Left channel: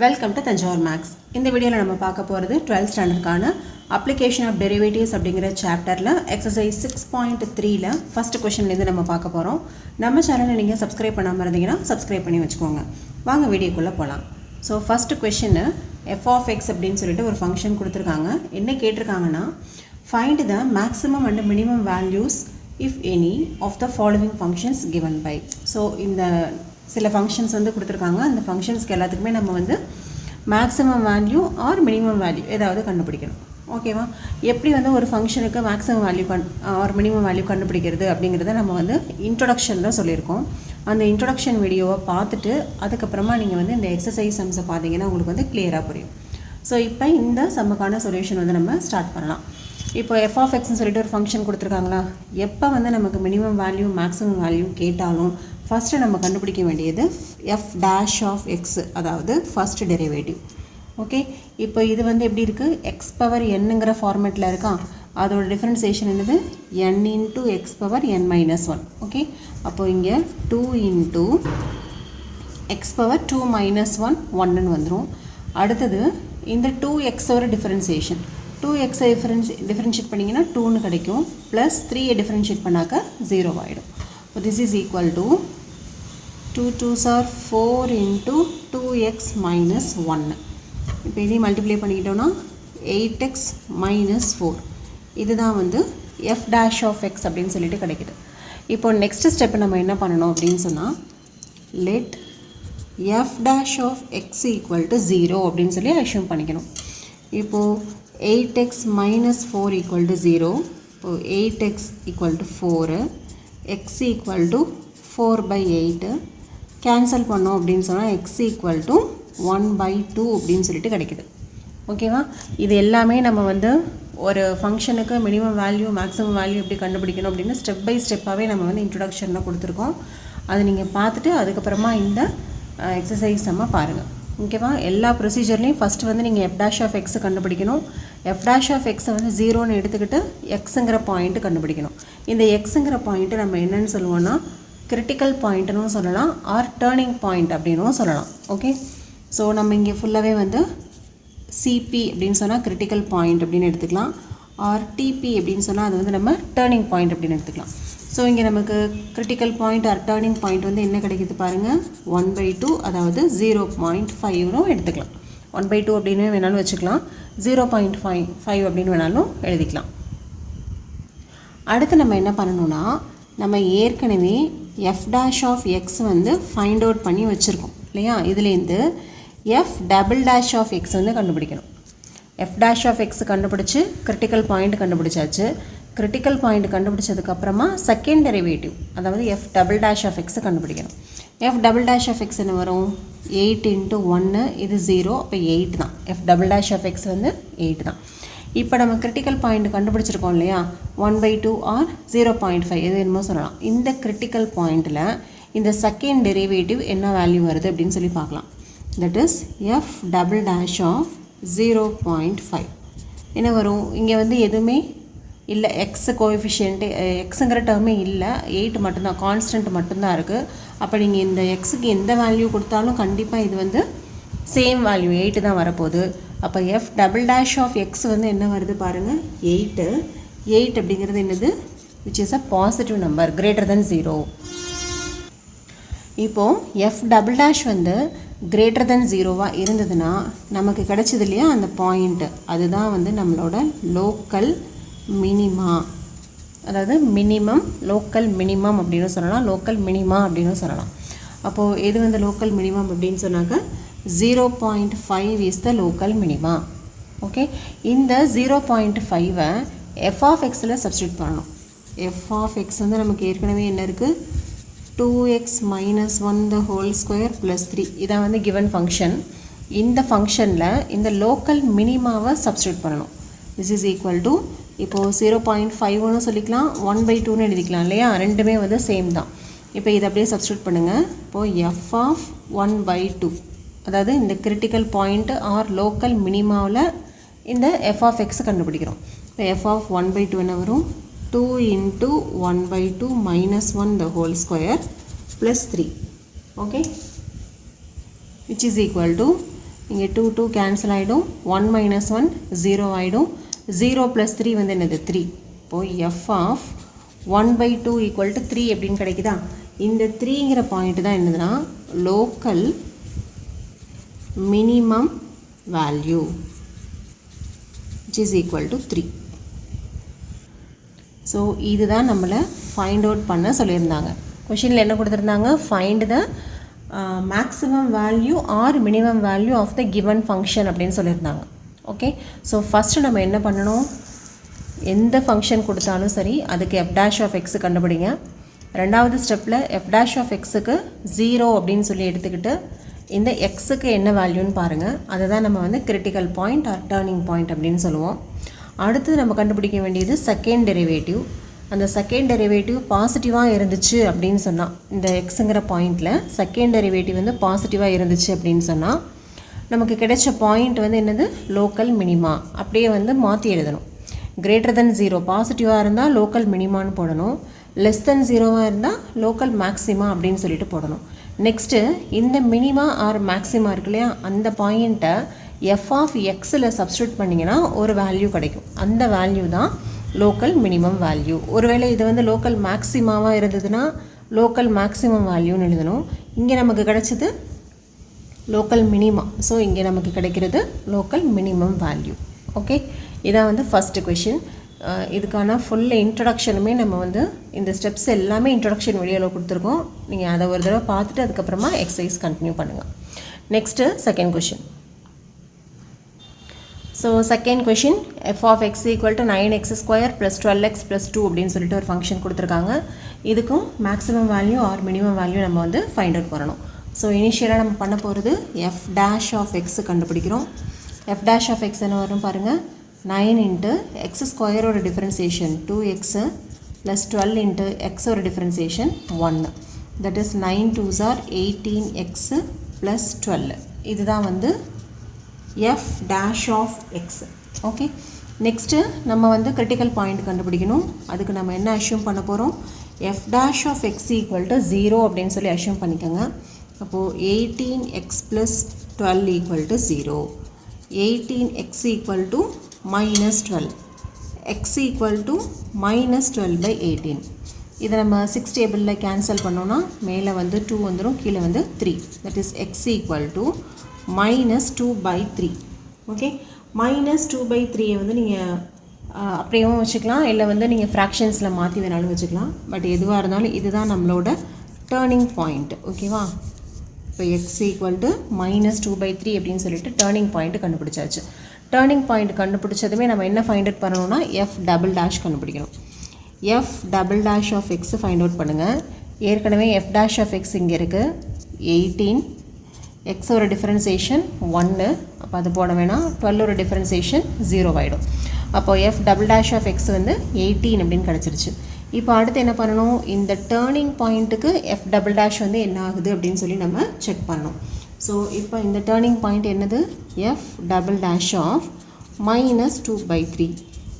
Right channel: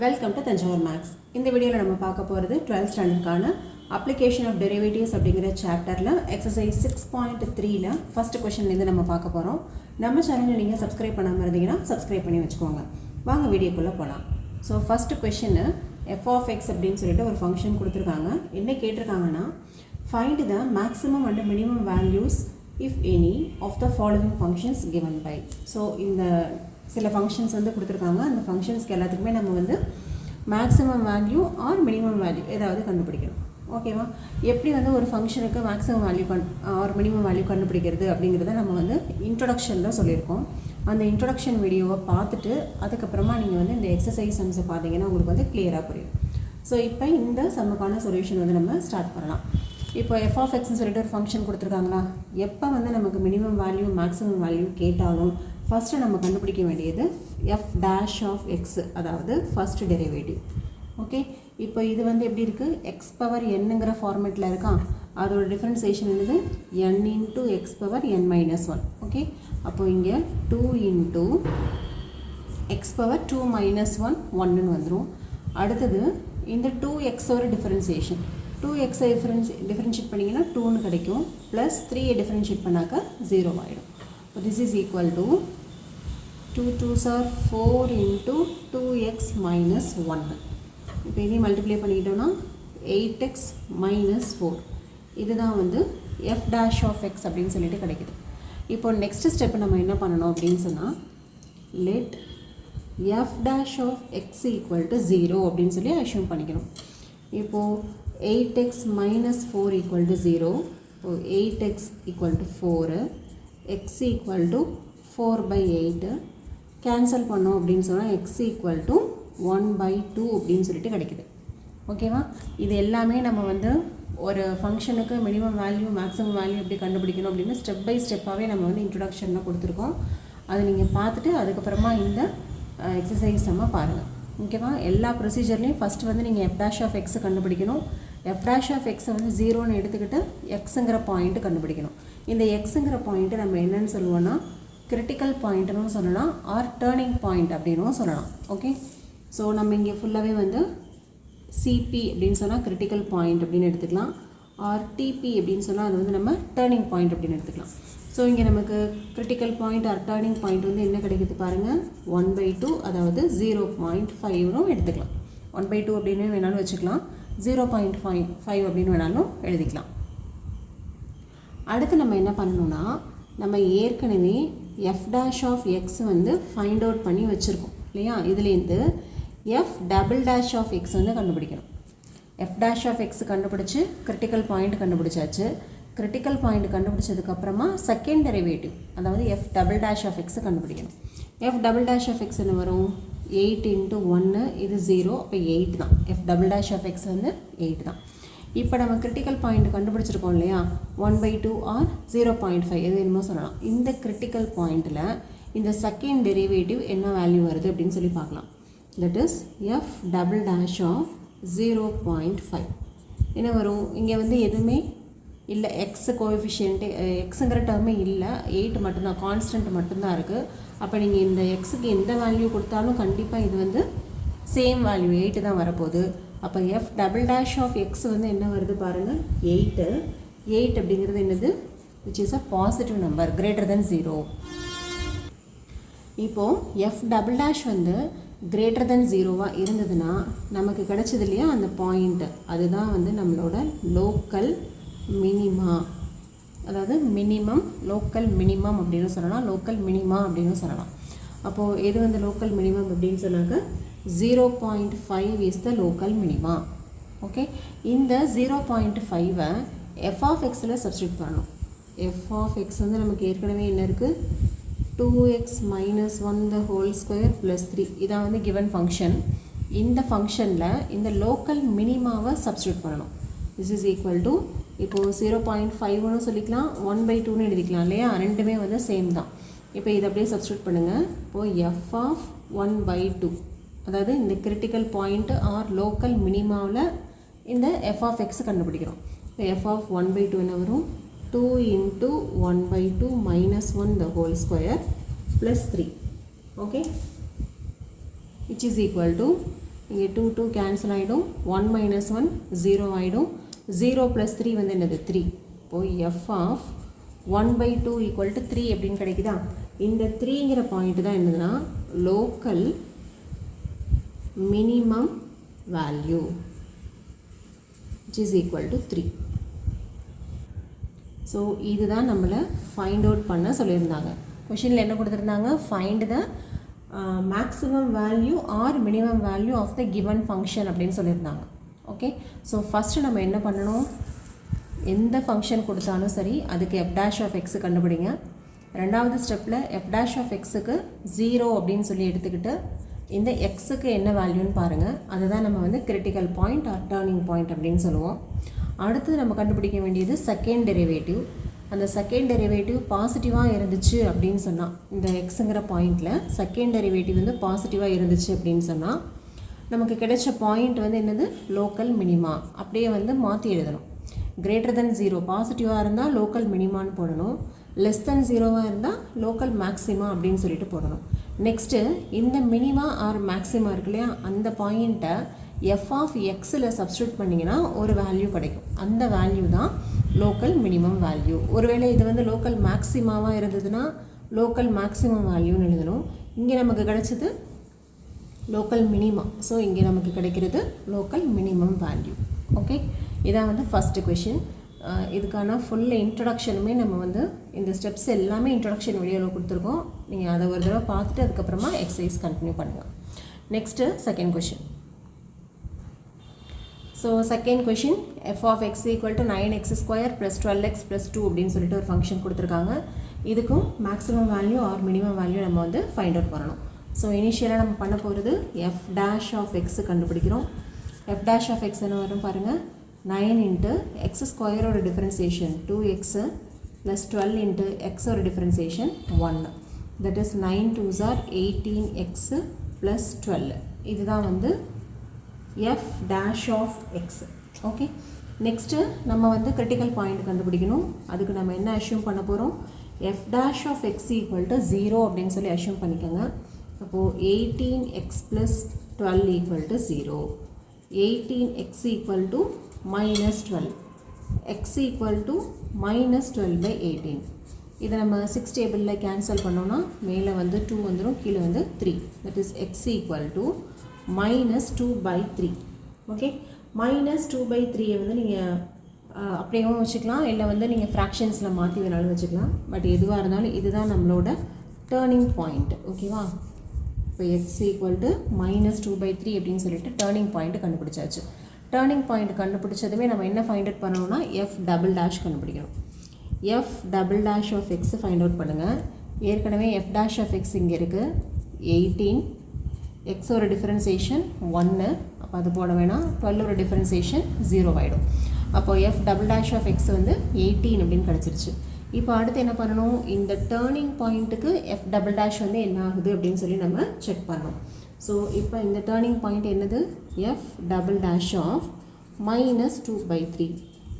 Welcome to Thanjavur maths. இந்த வீடியோவில் நம்ம பார்க்க போகிறது 12th ஸ்டாண்டர்டுக்கான அப்ளிகேஷன் ஆஃப் டெரிவேட்டிவ்ஸ் அப்படிங்கிற சாப்டரில் எக்ஸசைஸ் 6.3ல ஃபஸ்ட் கொஷன்லேருந்து நம்ம பார்க்க போகிறோம். நம்ம சேனலை நீங்கள் சப்ஸ்கிரைப் பண்ணாமல் இருந்தீங்கன்னா சப்ஸ்கிரைப் பண்ணி வச்சுக்கோங்க. வாங்க வீடியோக்குள்ளே போகலாம். ஸோ ஃபஸ்ட்டு கொஷின்னு எஃப் ஆஃப் எக்ஸ் அப்படின்னு சொல்லிட்டு ஒரு ஃபங்க்ஷன் கொடுத்துருக்காங்க. என்ன கேட்டிருக்காங்கன்னா, find the maximum and minimum values if any of the following functions given by. So இந்த சில ஃபங்க்ஷன்ஸ் வந்து கொடுத்துருக்காங்க. அந்த ஃபங்க்ஷன்ஸ்க்கு எல்லாத்துக்குமே நம்ம வந்து maximum value or minimum value ஏதாவது கண்டுபிடிக்கணும். ஓகேவா? எப்படி வந்து ஒரு ஃபங்க்ஷனுக்கு maximum value or minimum value கண்டுபிடிக்கிறது அப்படிங்கிறத நம்ம வந்து இன்ட்ரொடக்ஷனில் சொல்லியிருக்கோம். அந்த இன்ட்ரொடக்ஷன் வீடியோவை பார்த்துட்டு அதுக்கப்புறமா நீங்கள் வந்து இந்த எக்ஸசைஸ் சம்ஸை பார்த்தீங்கன்னா உங்களுக்கு வந்து கிளியராக புரியும். ஸோ இப்போ இந்த சம்முக்கான சொல்யூஷன் வந்து நம்ம ஸ்டார்ட் பண்ணலாம். இப்போ எஃப் ஆஃப் எக்ஸ்ன்னு சொல்லிட்டு ஒரு ஃபங்க்ஷன் கொடுத்துருக்காங்களா, எப்போ வந்து நமக்கு மினிமம் வேல்யூ மேக்ஸிமம் வேல்யூ கேட்டாலும் ஃபஸ்ட்டு நம்ம கண்டுபிடிக்க வேண்டியது எஃப் டேஷ் ஆஃப் எக்ஸ், அதாவது ஃபஸ்ட் டெரிவேட்டிவ். ஓகே, இப்போ இது வந்து எப்படி இருக்குது, எக்ஸ் பவர் என்னங்கிற ஃபார்மேட்டில் இருக்கா. அதோட டிஃப்ரென்சியேஷன் என்னது, என் into x power n minus one. Okay, அப்போது இங்கே 2 into x power 2 minus one ஒன்னு வந்துடும். அடுத்தது இந்த 2xோட டிஃப்ரென்சியேஷன், 2xை டிஃப்ரென்ஷியேட் பண்ணிங்கன்னா 2ன்னு கிடைக்கும், ப்ளஸ் 3ஐ டிஃப்ரென்ஷியேட் பண்ணாக்க 0 ஆகிடும். This is equal to 2 2s are 4 into 2x minus 1. இப்போ இதையும் மல்டிப்ளை பண்ணிக்கிட்டோன்னா 8x minus 4. இதுதான் வந்து f dash of x அப்படின்னு சொல்லிட்டு கிடைக்குது. இப்போ நெக்ஸ்ட் ஸ்டெப் நம்ம என்ன பண்ணணும் அப்படின்னு சொன்னால், let f dash of x equal to 0 அப்படின்னு சொல்லி அஷ்யூம் பண்ணிக்கணும். இப்போது 8x minus 4 equal to 0. இப்போ 8x equal to 4, x equal to 4/8 cancel பண்ணோம் அப்படின்னு சொன்னால் x equal to 1/2 அப்படின்னு சொல்லிட்டு கிடைக்குது. ஓகேவா? இது எல்லாமே நம்ம வந்து ஒரு ஃபங்க்ஷனுக்கு மினிமம் வேல்யூ மேக்ஸிமம் வேல்யூ எப்படி கண்டுபிடிக்கணும் அப்படின்னு ஸ்டெப் பை ஸ்டெப்பாகவே நம்ம வந்து இன்ட்ரொடக்ஷனில் கொடுத்துருக்கோம். அதை நீங்கள் பார்த்துட்டு அதுக்கப்புறமா இந்த எக்ஸசைஸ் நம்ம பாருங்கள். ஓகேவா? எல்லா ப்ரொசீஜர்லேயும் ஃபஸ்ட்டு வந்து நீங்கள் எஃப் டேஷ் ஆஃப் எக்ஸை கண்டுபிடிக்கணும். எஃப் டேஷ் ஆஃப் எக்ஸை வந்து 0ன்னு எடுத்துக்கிட்டு எக்ஸுங்கிற பாயிண்ட்டு கண்டுபிடிக்கணும். இந்த எக்ஸுங்கிற பாயிண்ட்டு நம்ம என்னென்னு சொல்லுவோன்னா, கிரிட்டிக்கல் பாயிண்ட்னு சொல்லலாம், ஆர் டேர்னிங் பாயிண்ட் அப்படின்னும் சொல்லலாம். ஓகே, ஸோ நம்ம இங்கே ஃபுல்லாகவே வந்து சிபி அப்படின்னு சொன்னால் கிரிட்டிக்கல் பாயிண்ட் அப்படின்னு எடுத்துக்கலாம், ஆர் டிபி அப்படின்னு சொன்னால் அது வந்து நம்ம டேர்னிங் பாயிண்ட் அப்படின்னு எடுத்துக்கலாம். ஸோ இங்கே நமக்கு critical point or turning point வந்து என்ன கிடைக்குது பாருங்கள், 1/2, அதாவது 0.5னும் எடுத்துக்கலாம். 1/2 அப்படின்னு வேணாலும் வச்சுக்கலாம், 0.5 அப்படின்னு வேணாலும் எழுதிக்கலாம். அடுத்து நம்ம என்ன பண்ணணும்னா, நம்ம ஏற்கனவே எஃப் டேஷ் ஆஃப் எக்ஸ் வந்து ஃபைண்ட் அவுட் பண்ணி வச்சுருக்கோம் இல்லையா. இதுலேருந்து f double dash of X வந்து கண்டுபிடிக்கணும். எஃப் டேஷ் ஆஃப் எக்ஸ் கண்டுபிடிச்சி கிரிட்டிக்கல் பாயிண்ட் கண்டுபிடிச்சாச்சு. கிரிட்டிக்கல் பாயிண்ட் கண்டுபிடிச்சதுக்கப்புறமா செகண்ட் டெரிவேட்டிவ், அதாவது எஃப் டபுள் டேஷ் ஆஃப் எக்ஸை கண்டுபிடிக்கணும். F double dash of x என்ன வரும், 8 இன்ட்டு 1, இது 0, அப்போ 8 தான். F double dash of X வந்து 8 தான். இப்போ நம்ம கிரிட்டிக்கல் பாயிண்ட் கண்டுபிடிச்சிருக்கோம் இல்லையா, 1/2 ஆர் 0.5 எது என்னமோ சொல்லலாம். இந்த கிரிட்டிக்கல் பாயிண்டில் இந்த செகண்ட் டெரிவேட்டிவ் என்ன வேல்யூ வருது அப்படின்னு சொல்லி பார்க்கலாம். That is f double dash of 0.5 என்ன வரும், இங்கே வந்து எதுவுமே இல்லை, எக்ஸ் கோஎஃபிஷியன்ட்டு எக்ஸுங்கிற டேர்மே இல்லை, 8 மட்டும்தான், கான்ஸ்டன்ட் மட்டும்தான் இருக்குது. அப்போ நீங்கள் இந்த எக்ஸுக்கு எந்த வேல்யூ கொடுத்தாலும் கண்டிப்பாக இது வந்து சேம் வேல்யூ 8 தான் வரப்போகுது. அப்போ f double dash of X வந்து என்ன வருது பாருங்கள், 8 அப்படிங்கிறது என்னது, which is a positive number greater than 0. இப்போது எஃப் டபுள் டேஷ் வந்து கிரேட்டர் தென் 0வாக இருந்ததுன்னா நமக்கு கிடைச்சது இல்லையா அந்த பாயிண்ட்டு, அதுதான் வந்து நம்மளோட லோக்கல் மினிமா, அதாவது மினிமம், லோக்கல் மினிமம் அப்படின்னு சொல்லலாம், லோக்கல் மினிமா அப்படின்னு சொல்லலாம். அப்போது எது வந்து லோக்கல் மினிமம் அப்படின்னு சொன்னாக்க 0.5 is the local minima. Okay, இந்த 0.5ஐ எஃப் ஆஃப் எக்ஸில் சப்ஸ்டியூட் பண்ணணும். எஃப் ஆஃப் எக்ஸ் வந்து நமக்கு ஏற்கனவே என்ன இருக்குது, 2x minus 1 the whole square plus 3, இதான் வந்து given ஃபங்க்ஷன். இந்த ஃபங்க்ஷனில் இந்த லோக்கல் மினிமாவை சப்ஸ்டியூட் பண்ணணும். திஸ் இஸ் ஈக்குவல் டு, இப்போது 0.5ன்னு சொல்லிக்கலாம், 1/2ன்னு எழுதிக்கலாம் இல்லையா, ரெண்டுமே வந்து சேம் தான். இப்போ இதை அப்படியே சப்ஸ்டியூட் பண்ணுங்கள். இப்போது எஃப் ஆஃப் 1/2, அதாவது இந்த கிரிட்டிக்கல் பாயிண்ட் ஆர் லோக்கல் மினிமாவில் இந்த எஃப் ஆஃப் எக்ஸ் கண்டுபிடிக்கிறோம். இப்போ எஃப் ஆஃப் 1/2 என்ன வரும், 2 into 1/2 minus 1 the whole square plus 3. Okay, which is equal to இங்கே 2 கேன்சல் ஆகிடும், 1 மைனஸ் 1 0 ஆகிடும், 0 ப்ளஸ் 3 வந்து என்னது 3. இப்போது எஃப் ஆஃப் 1/2 ஈக்குவல் டு 3 எப்படின்னு கிடைக்குதா? இந்த 3ங்கிற பாயிண்ட் தான் என்னதுன்னா local minimum value which is equal to 3. So இதுதான் நம்மளை ஃபைண்ட் அவுட் பண்ண சொல்லியிருந்தாங்க. கொஷினில் என்ன கொடுத்துருந்தாங்க? Find the maximum value or minimum value of the given function அப்படின்னு சொல்லியிருந்தாங்க. ஓகே, ஸோ ஃபஸ்ட்டு நம்ம என்ன பண்ணணும்? எந்த ஃபங்க்ஷன் கொடுத்தாலும் சரி அதுக்கு எஃப் டேஷ் ஆஃப் எக்ஸு கண்டுபிடிங்க. ரெண்டாவது ஸ்டெப்பில் எஃப் டேஷ் ஆஃப் எக்ஸுக்கு 0 அப்படின்னு சொல்லி எடுத்துக்கிட்டு இந்த எக்ஸுக்கு என்ன வேல்யூன்னு பாருங்கள். அதுதான் நம்ம வந்து critical point or turning point அப்படின்னு சொல்லுவோம். அடுத்தது நம்ம கண்டுபிடிக்க வேண்டியது செகண்ட் டெரிவேட்டிவ். அந்த செகண்ட் டெரிவேட்டிவ் பாசிட்டிவாக இருந்துச்சு அப்படின்னு சொன்னால், இந்த எக்ஸுங்கிற பாயிண்டில் செகண்ட் டெரிவேட்டிவ் வந்து பாசிட்டிவாக இருந்துச்சு அப்படின்னு சொன்னால் நமக்கு கிடைச்ச பாயிண்ட் வந்து என்னது? Local minima. அப்படியே வந்து மாற்றி எழுதணும். கிரேட்டர் தென் 0 பாசிட்டிவாக இருந்தால் லோக்கல் மினிமான்னு போடணும், லெஸ் தென் 0வாக இருந்தால் லோக்கல் மேக்ஸிமா அப்படின்னு சொல்லிட்டு போடணும். நெக்ஸ்ட்டு இந்த மினிமா ஆர் மேக்ஸிமா இருக்கு இல்லையா, அந்த பாயிண்ட்டை எஃப் ஆஃப் எக்ஸில் சப்ஸ்டியூட் பண்ணிங்கன்னா ஒரு வேல்யூ கிடைக்கும். அந்த வேல்யூ தான் லோக்கல் மினிமம் வேல்யூ. ஒருவேளை இது வந்து லோக்கல் மேக்ஸிமாவாக இருந்ததுன்னா லோக்கல் மேக்ஸிமம் வேல்யூன்னு எழுதணும். இங்கே நமக்கு கிடைச்சது லோக்கல் மினிமா. ஸோ இங்கே நமக்கு கிடைக்கிறது லோக்கல் மினிமம் வேல்யூ. ஓகே, இதான் வந்து ஃபஸ்ட்டு கொஷின். இதுக்கான ஃபுல் இன்ட்ரடக்ஷனுமே நம்ம வந்து இந்த ஸ்டெப்ஸ் எல்லாமே இன்ட்ரடக்ஷன் வீடியோவில் கொடுத்துருக்கோம். நீங்கள் அதை ஒரு தடவை பார்த்துட்டு அதுக்கப்புறமா எக்ஸசைஸ் கண்டினியூ பண்ணுங்கள். Next second question. So second question, f of x equal to 9x² + 12x + 2 அப்படின்னு சொல்லிட்டு ஒரு ஃபங்க்ஷன் கொடுத்துருக்காங்க. இதுக்கும் maximum value or minimum value நம்ம வந்து ஃபைண்ட் அவுட் பண்ணணும். ஸோ இனிஷியலாக நம்ம பண்ண போகிறது எஃப் டேஷ் ஆஃப் எக்ஸு கண்டுபிடிக்கிறோம். எஃப் டேஷ் ஆஃப் எக்ஸ் என்ன வரும் பாருங்கள்? 9 × x² ஓட டிஃபரன்சியேஷன் 2x + 12 × x ஓட differentiation 1. That is 9 2s are 18x + 12. இதுதான் வந்து f dash of x. Okay, next நம்ம வந்து கிரிட்டிக்கல் பாயிண்ட் கண்டுபிடிக்கணும். அதுக்கு நம்ம என்ன அஷ்யூம் பண்ண போகிறோம்? F dash of x equal to 0 அப்படின்னு சொல்லி அஷ்யூம் பண்ணிக்கோங்க. அப்போது 18x + 12 equal to 0. 18x equal to -12, x equal to -12/18. இதை நம்ம 6 டேபிளில் கேன்சல் பண்ணோன்னா மேலே வந்து 2 வந்துடும், கீழே வந்து 3. That is x equal to -2/3. Okay, -2/3 வந்து நீங்கள் அப்படியும் வச்சுக்கலாம், இல்லை வந்து நீங்கள் ஃப்ராக்ஷன்ஸில் மாற்றி வேணாலும் வச்சுக்கலாம். பட் எதுவாக இருந்தாலும் இதுதான் நம்மளோட டேர்னிங் பாயிண்ட். ஓகேவா? இப்போ x ஈக்குவல் டு -2/3 அப்படின்னு சொல்லிட்டு டேர்னிங் பாயிண்ட் கண்டுபிடிச்சாச்சு. டேர்னிங் பாயிண்ட் கண்டுபிடிச்சதுமே நம்ம என்ன ஃபைண்ட் அவுட் பண்ணணும்னா எஃப் டபுள் டேஷ் கண்டுபிடிக்கணும். எஃப் டபுள் டேஷ் ஆஃப் எக்ஸை ஃபைண்ட் அவுட் பண்ணுங்கள். ஏற்கனவே எஃப் டேஷ் ஆஃப் எக்ஸ் இங்கே இருக்குது 18, எக்ஸோட டிஃபரன்சியேஷன் 1, அப்போ அது போட வேணாம். 12ஓட டிஃபரன்சியேஷன் 0 ஆகிடும். அப்போது f double dash of X வந்து 18 அப்படின்னு கிடச்சிருச்சு. இப்போ அடுத்து என்ன பண்ணணும்? இந்த டேர்னிங் பாயிண்ட்டுக்கு எஃப் டபுள் டேஷ் வந்து என்ன ஆகுது அப்படின்னு சொல்லி நம்ம செக் பண்ணணும். ஸோ இப்போ இந்த டேர்னிங் பாயிண்ட் என்னது? F double dash of -2/3.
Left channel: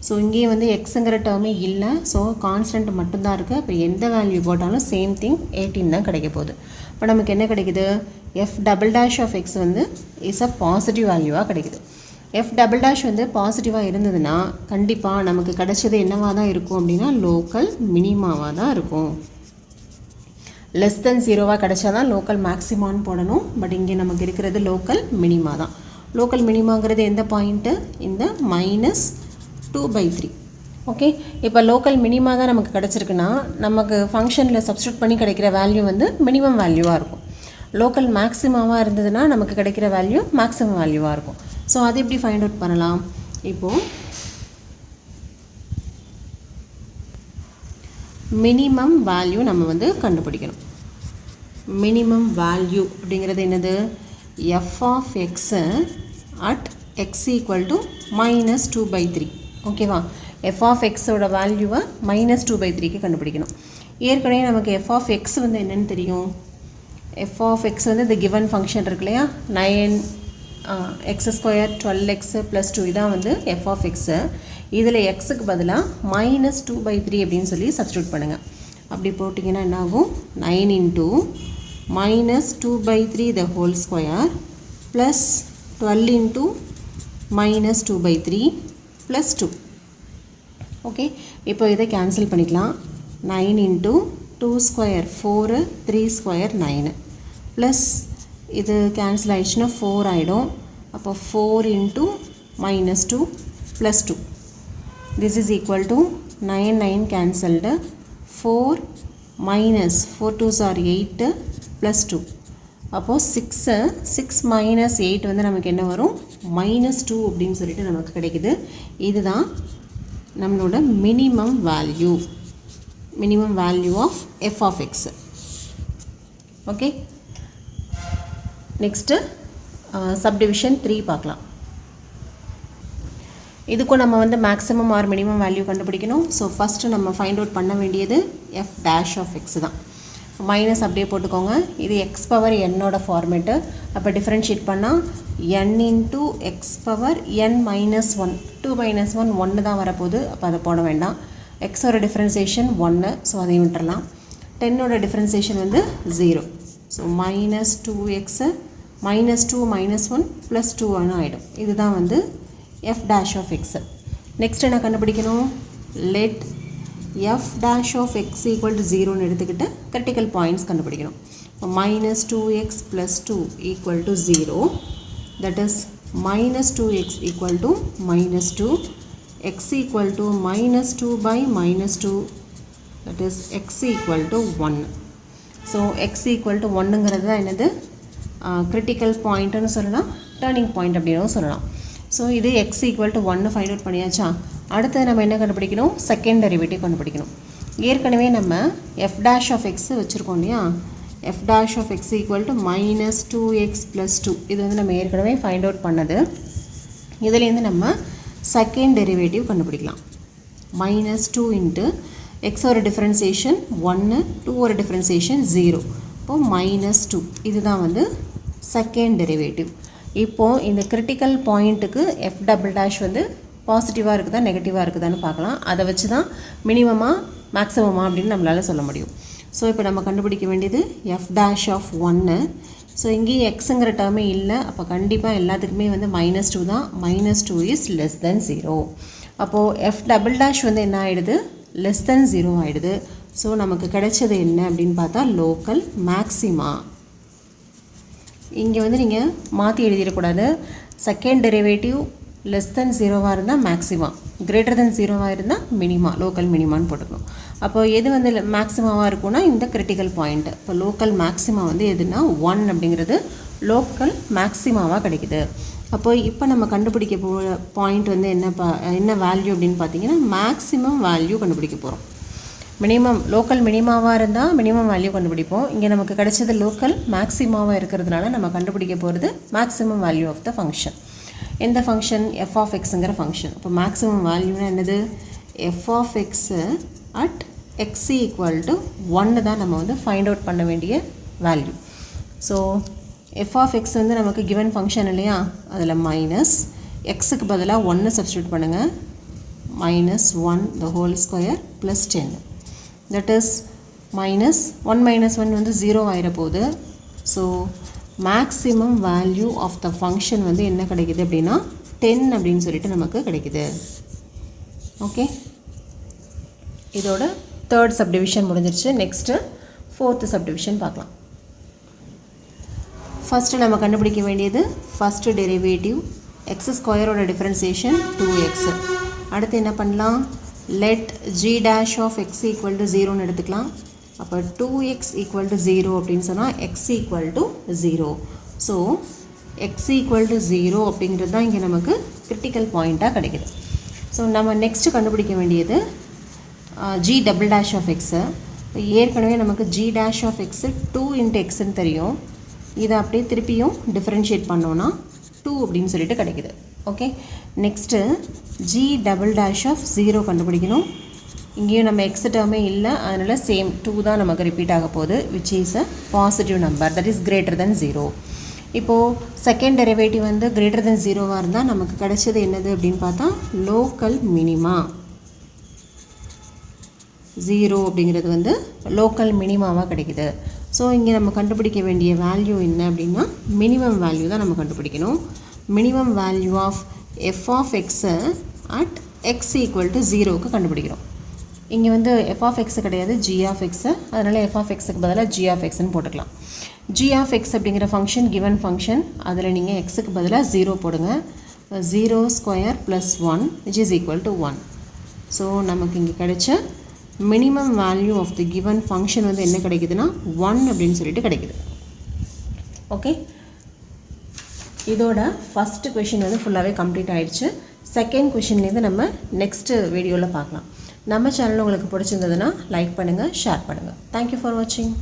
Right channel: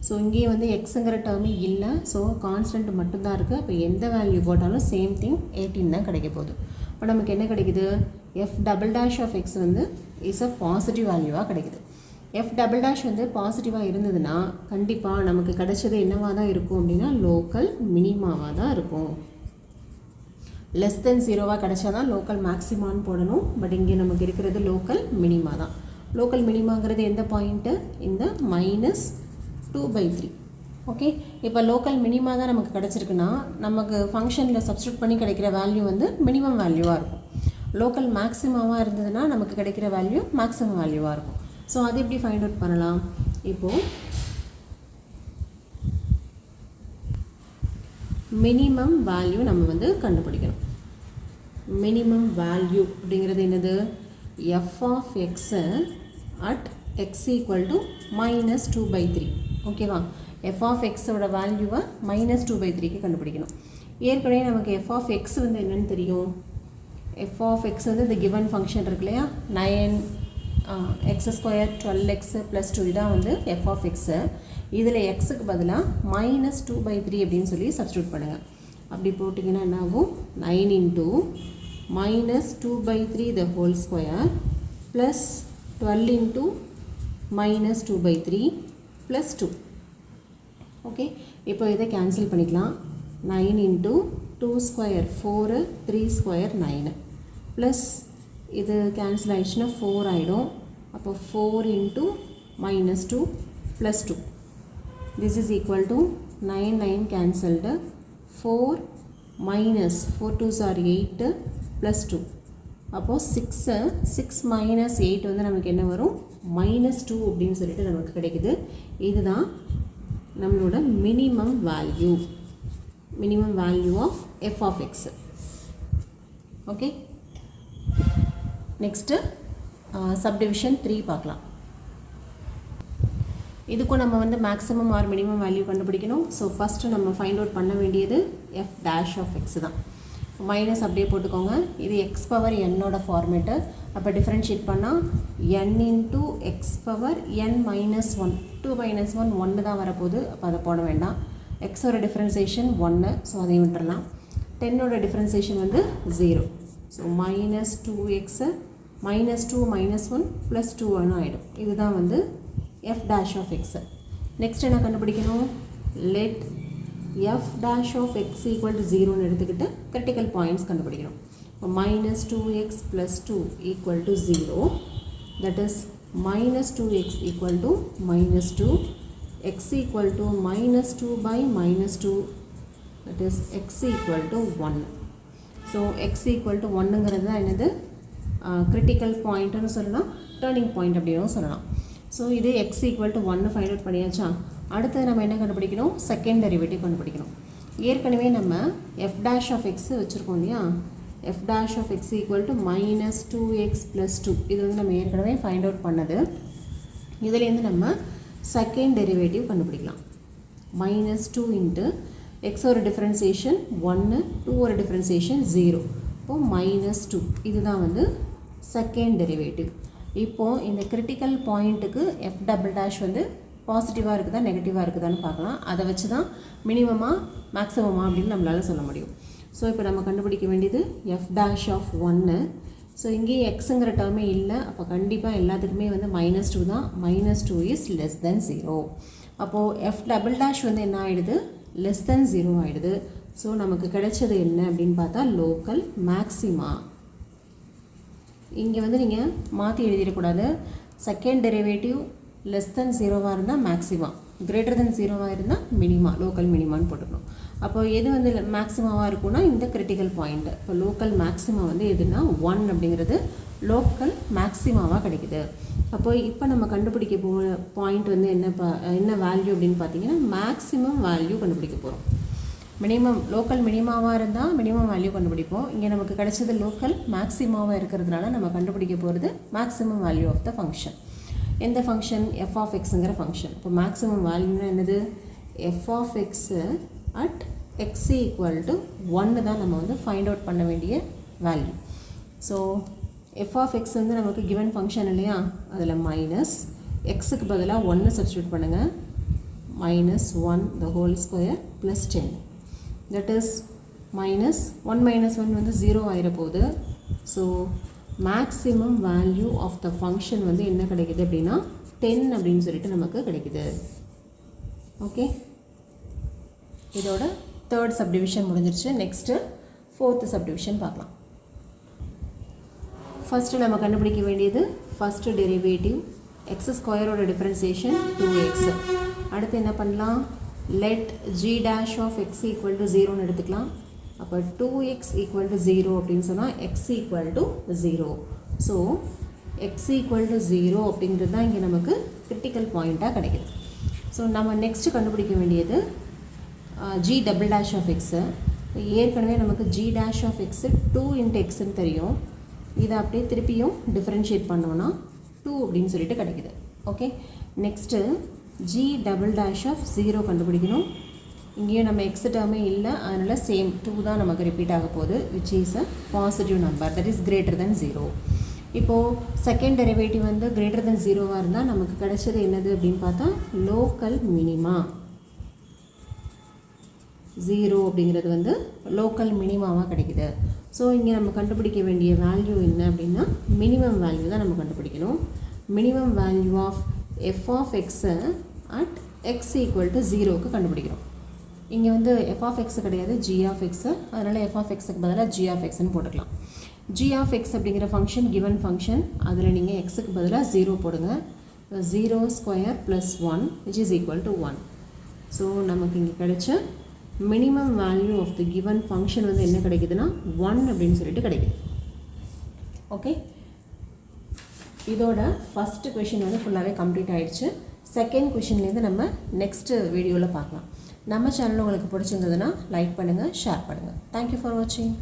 So இங்கே வந்து எக்ஸுங்கிற டேர்மே இல்லை, ஸோ கான்ஸ்டன்ட் மட்டும்தான் இருக்குது. இப்போ எந்த வேல்யூ போட்டாலும் சேம் திங் 18 தான் கிடைக்க போகுது. இப்போ நமக்கு என்ன கிடைக்குது? F double dash of X வந்து இஸ் அ பாசிட்டிவ் வேல்யூவாக கிடைக்குது. எஃப் டபுள் டேஷ் வந்து பாசிட்டிவாக இருந்ததுன்னா கண்டிப்பாக நமக்கு கிடைச்சது என்னவாக தான் இருக்கும் அப்படின்னா லோக்கல் மினிமாவாக தான் இருக்கும். லெஸ் தென் 0வாக கிடைச்சா தான் லோக்கல் மேக்ஸிமான்னு போடணும். பட் இங்கே நமக்கு இருக்கிறது லோக்கல் மினிமா தான். லோக்கல் மினிமாங்கிறது எந்த பாயிண்ட்டு? இந்த -2/3. ஓகே, இப்போ லோக்கல் மினிமா தான் நமக்கு கிடச்சிருக்குன்னா நமக்கு ஃபங்க்ஷனில் சப்ஸ்டியூட் பண்ணி கிடைக்கிற வேல்யூ வந்து மினிமம் வேல்யூவாக இருக்கும். லோக்கல் மேக்ஸிமாவாக இருந்ததுன்னா நமக்கு கிடைக்கிற வேல்யூ மேக்ஸிமம் வேல்யூவாக இருக்கும். ஸோ அது எப்படி ஃபைண்ட் அவுட் பண்ணலாம்? இப்போது மினிமம் வேல்யூ நம்ம வந்து கண்டுபிடிக்கணும். மினிமம் வேல்யூ அப்படிங்கிறது என்னது? F of x at X equal to -2/3. ஓகேவா? எஃப் ஆஃப் எக்ஸோட வேல்யூவை -2/3க்கு கண்டுபிடிக்கணும். ஏற்கனவே நமக்கு எஃப் ஆஃப் எக்ஸ் வந்து என்னென்னு தெரியும். எஃப் ஆஃப் எக்ஸ் வந்து இந்த கிவன் ஃபங்க்ஷன் இருக்கு இல்லையா, 9x² 12x + 2 இதான் வந்து எஃப் ஆஃப் எக்ஸு. இதில் எக்ஸுக்கு பதிலாக -2/3 அப்படின்னு சொல்லி சப்ஸ்டியூட் பண்ணுங்கள். அப்படி போட்டிங்கன்னா என்ன ஆகும்? 9 × -2/3 the whole square + 12 into minus 2 by 3 plus 2. Okay, இப்போ இதை கேன்சல் பண்ணிக்கலாம். 9 into 2 square 4, 3 square 9 ப்ளஸ் இது கேன்சல் ஆயிடுச்சுன்னா 4 ஆகிடும். அப்போ 4 into minus 2 plus 2. This is equal to 9 9 cancelled. 4 minus 4 2s are 8 plus 2. அப்போது 6 minus 8 வந்து நமக்கு என்ன வரும்? minus 2 அப்படின்னு சொல்லிட்டு நமக்கு கிடைக்குது. இதுதான் நம்மளோட minimum value of f of x. Okay, next subdivision 3 பார்க்கலாம். இதுக்கும் நம்ம வந்து மேக்ஸிமம் ஆர் மினிமம் வேல்யூ கண்டுபிடிக்கணும். ஸோ ஃபஸ்ட்டு நம்ம ஃபைண்ட் அவுட் பண்ண வேண்டியது எஃப் டேஷ் ஆஃப் எக்ஸ் தான். மைனஸ் அப்படியே போட்டுக்கோங்க. இது எக்ஸ் பவர் என்னோட ஃபார்மேட்டு. அப்போ டிஃப்ரென்ஷியேட் பண்ணால் n into x power n minus 1, 2 minus 1 1 தான் வரப்போகுது. அப்போ அதை போட வேண்டாம். எக்ஸோட டிஃப்ரென்சியேஷன் 1, ஸோ அதையும் விட்டுறலாம். 10ஓட டிஃப்ரென்சியேஷன் வந்து 0. So minus 2x minus 2 minus 1 plus 2 ஆகிடும். இதுதான் வந்து f dash of x. Next என்ன கண்டுபிடிக்கணும்? let f dash of x equal to 0ன்னு எடுத்துக்கிட்டு critical points கண்டுபிடிக்கணும். minus 2x plus 2 equal to 0, that is minus 2x equal to minus 2, x equal to minus 2 by minus 2, that is x equal to 1. so x equal to 1ங்கிறது தான் என்னது? critical pointன்னு சொல்லலாம், turning point அப்படின்னு சொல்லலாம். So இது x equal to 1 find out பண்ணியாச்சா? அடுத்தது நம்ம என்ன கண்டுபிடிக்கணும்? செகண்ட் டெரிவேட்டிவ் கண்டுபிடிக்கணும். ஏற்கனவே நம்ம f dash of x வச்சுருக்கோம் இல்லையா? f dash of x equal to minus 2x plus 2. இது வந்து நம்ம ஏற்கனவே ஃபைண்ட் அவுட் பண்ணது. இதுலேருந்து நம்ம செகண்ட் டெரிவேட்டிவ் கண்டுபிடிக்கலாம். minus 2 இன்ட்டு எக்ஸோட டிஃப்ரென்சியேஷன் 1, 2ஓட டிஃப்ரென்சியேஷன் 0. இப்போது மைனஸ் 2. இதுதான் வந்து செகண்ட் டெரிவேட்டிவ். இப்போது இந்த கிரிட்டிக்கல் பாயிண்ட்டுக்கு எஃப் டபுள் டேஷ் வந்து பாசிட்டிவாக இருக்குதா நெகட்டிவாக இருக்குதான்னு பார்க்கலாம். அதை வச்சு தான் மினிமமாக மேக்ஸிமமாக அப்படின்னு நம்மளால் சொல்ல முடியும். ஸோ இப்போ நம்ம கண்டுபிடிக்க வேண்டியது எஃப் டேஷ் ஆஃப் 1. ஸோ இங்கேயும் எக்ஸுங்கிற டேர்மே இல்லை. அப்போ கண்டிப்பாக எல்லாத்துக்குமே வந்து minus 2 தான். minus 2 is less than 0. அப்போது எஃப் டபுள் டேஷ் வந்து என்ன ஆகிடுது? லெஸ் தென் 0 ஆகிடுது. ஸோ நமக்கு கிடைச்சது என்ன அப்படின்னு பார்த்தா லோக்கல் மேக்ஸிமா. இங்கே வந்து நீங்கள் மாற்றி எழுதிடக்கூடாது. செகண்ட் டெரிவேட்டிவ் லெஸ் தென் 0வாக இருந்தால் மேக்ஸிமா, கிரேட்டர் தென் 0வாக இருந்தால் மினிமா, லோக்கல் மினிமான்னு போட்டுக்கணும். அப்போ எது வந்து மேக்ஸிமாவாக இருக்கும்னா இந்த கிரிட்டிக்கல் பாயிண்ட்டு. இப்போ லோக்கல் மேக்ஸிமா வந்து எதுனா 1 அப்படிங்கிறது லோக்கல் மேக்ஸிமாவாக கிடைக்குது. அப்போது இப்போ நம்ம கண்டுபிடிக்க பாயிண்ட் வந்து என்ன வேல்யூ அப்படின்னு பார்த்தீங்கன்னா மேக்ஸிமம் வேல்யூ கண்டுபிடிக்க போகிறோம். மினிமம் லோக்கல் மினிமாவாக இருந்தால் மினிமம் வேல்யூ கண்டுபிடிப்போம். இங்கே நமக்கு கிடைச்சது லோக்கல் மேக்ஸிமாவாக இருக்கிறதுனால நம்ம கண்டுபிடிக்க போகிறது maximum value of the function. எந்த ஃபங்க்ஷன்? எஃப் ஆஃப் எக்ஸுங்கிற ஃபங்க்ஷன். இப்போ மேக்ஸிமம் வேல்யூனா என்னது? F of x at X equal to 1 தான் நம்ம வந்து ஃபைண்ட் அவுட் பண்ண வேண்டிய value. So F of X வந்து நமக்கு கிவன் ஃபங்க்ஷன் இல்லையா? அதில் மைனஸ் எக்ஸுக்கு பதிலாக 1 சப்ஸ்டியூட் பண்ணுங்கள். minus 1 the whole square plus 10. that is minus 1 minus 1 வந்து 0 ஆயிர போகுது. So maximum value of the function வந்து என்ன கிடைக்குது அப்படின்னா 10 அப்படின்னு சொல்லிட்டு நமக்கு கிடைக்குது. ஓகே, இதோட தேர்ட் சப்டிவிஷன் முடிஞ்சிருச்சு. நெக்ஸ்ட்டு ஃபோர்த்து சப்டிவிஷன் பார்க்கலாம். ஃபஸ்ட்டு நம்ம கண்டுபிடிக்க வேண்டியது ஃபஸ்ட்டு டெரிவேட்டிவ் எக்ஸ் ஸ்கொயரோட டிஃப்ரென்சியேஷன் 2x. அடுத்து என்ன பண்ணலாம்? let g dash of x equal to 0ன்னு எடுத்துக்கலாம். அப்போ 2x equal to 0 அப்படின்னு சொன்னால் x equal to 0. So x equal to 0 அப்படிங்கிறது தான் இங்கே நமக்கு கிரிட்டிக்கல் பாயிண்ட்டாக கிடைக்குது. ஸோ நம்ம நெக்ஸ்ட்டு கண்டுபிடிக்க வேண்டியது g double dash of x. ஏற்கனவே நமக்கு g dash of x 2 into xன்னு தெரியும். இதை அப்படியே திருப்பியும் டிஃப்ரென்ஷியேட் பண்ணோன்னா 2 அப்படின்னு சொல்லிட்டு கிடைக்குது. Okay, next g double dash of 0 கண்டுபிடிக்கணும். இங்கேயும் நம்ம எக்ஸ் டேர்மே இல்லை, அதனால் சேம் 2 தான் நமக்கு ரிப்பீட் ஆக போகுது, which is a positive number, that is greater than 0. இப்போது செகண்ட் டெரிவேட்டிவ் வந்து கிரேட்டர் தென் 0வாக இருந்தால் நமக்கு கிடைச்சது என்னது அப்படின்னு பார்த்தா லோக்கல் மினிமா. 0 அப்படிங்கிறது வந்து லோக்கல் மினிமாவாக கிடைக்குது. ஸோ இங்கே நம்ம கண்டுபிடிக்க வேண்டிய வேல்யூ என்ன அப்படின்னா மினிமம் வேல்யூ தான் நம்ம கண்டுபிடிக்கணும். Minimum value of f of எக்ஸை அட் எக்ஸ் ஈக்குவல் டு 0க்கு கண்டுபிடிக்கிறோம். இங்கே வந்து எஃப் ஆஃப் எக்ஸ் கிடையாது, ஜி ஆஃப் எக்ஸு, அதனால் எஃப் ஆஃப் எக்ஸுக்கு பதிலாக ஜி ஆஃப் எக்ஸ்ன்னு போட்டுக்கலாம். ஜி ஆஃப் எக்ஸ் அப்படிங்கிற ஃபங்க்ஷன் கிவன் ஃபங்க்ஷன், அதில் நீங்கள் எக்ஸுக்கு பதிலாக 0 போடுங்க. 0 square plus 1 which is equal to 1. So நமக்கு இங்கே கிடைச்ச minimum value of the given function வந்து என்ன கிடைக்குதுன்னா 1 அப்படின்னு சொல்லிட்டு கிடைக்குது. ஓகே, இதோட ஃபஸ்ட்டு கொஷின் வந்து ஃபுல்லாகவே கம்ப்ளீட் ஆகிடுச்சு. செகண்ட் கொஷின்லேருந்து நம்ம நெக்ஸ்ட்டு வீடியோவில் பார்க்கலாம். நம்ம சேனல் உங்களுக்கு பிடிச்சிருந்ததுன்னா லைக் பண்ணுங்கள், ஷேர் பண்ணுங்கள். தேங்க்யூ ஃபார் வாட்சிங்.